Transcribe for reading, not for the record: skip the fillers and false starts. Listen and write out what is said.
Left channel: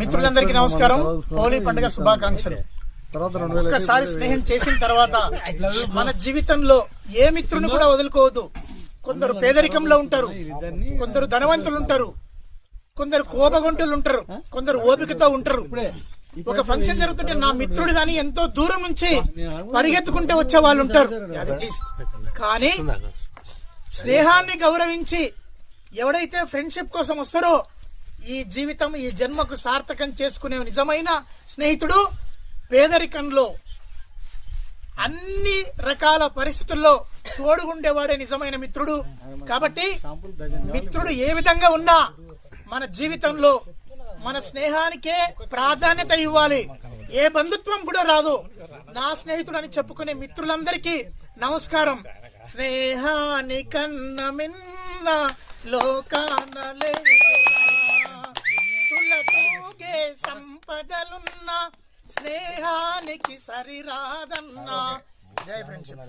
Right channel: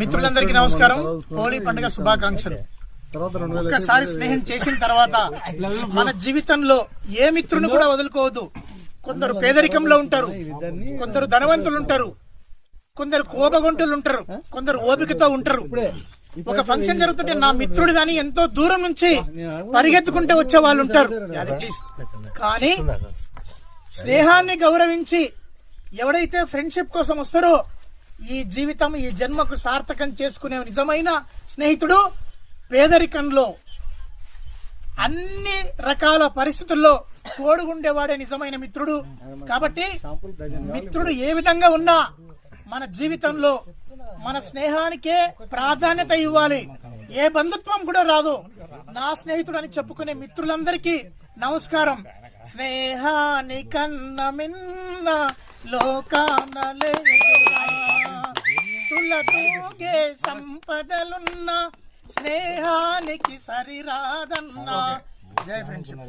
మిత్రులందరికీ నమస్కారం. హోలీ పండుగ శుభాకాంక్షలు. ఒక్కసారి స్నేహం చేసిన తర్వాత మన జీవితంలో ఏ మిత్రుని కూడా వదులుకోవద్దు. కొందరు పేదరికంలో ఉంటారు, కొందరు ధనవంతులు ఉంటారు, కొందరు కోపగొంటులు ఉంటారు, కొందరు ఓపికతో ఉంటారు. ఒక ఫంక్షన్ జరుగుతుంటే నా మిత్రుడు గాని ఎంతో దూరం నుంచి పరిగెత్తుకుంటే వచ్చే వాళ్ళు ఉంటారు. కానీ స్నేహాన్ని గౌరవించి ఎవడైతే ఫ్రెండ్షిప్ కోసం వస్తారో ఈ జీవితం ఈ జన్మకు సార్థకం చేసుకునే నిజమైన స్నేహితుడు పేదరికంలో అన్ని రకాల పరిస్థితుల్లో తోడుగుండేవాడే నిజమైన మిత్రుడు. కాబట్టి మిత్రుడు ఏ విధంగా ఉన్నా మన జీవితంలో మన స్నేహానికే ప్రాధాన్యత ఇవ్వాలి. ఏ బంధుత్వం కూడా రాదు. నా స్నేహితుడు అని చెప్పుకునే మిత్రులందరికీ నమస్కారం. స్నేహాని కన్న మిన్న లోకాన తులతూగే సంపదలున్న స్నేహానికి సరిరాదన్నా. జై ఫ్రెండ్షిప్.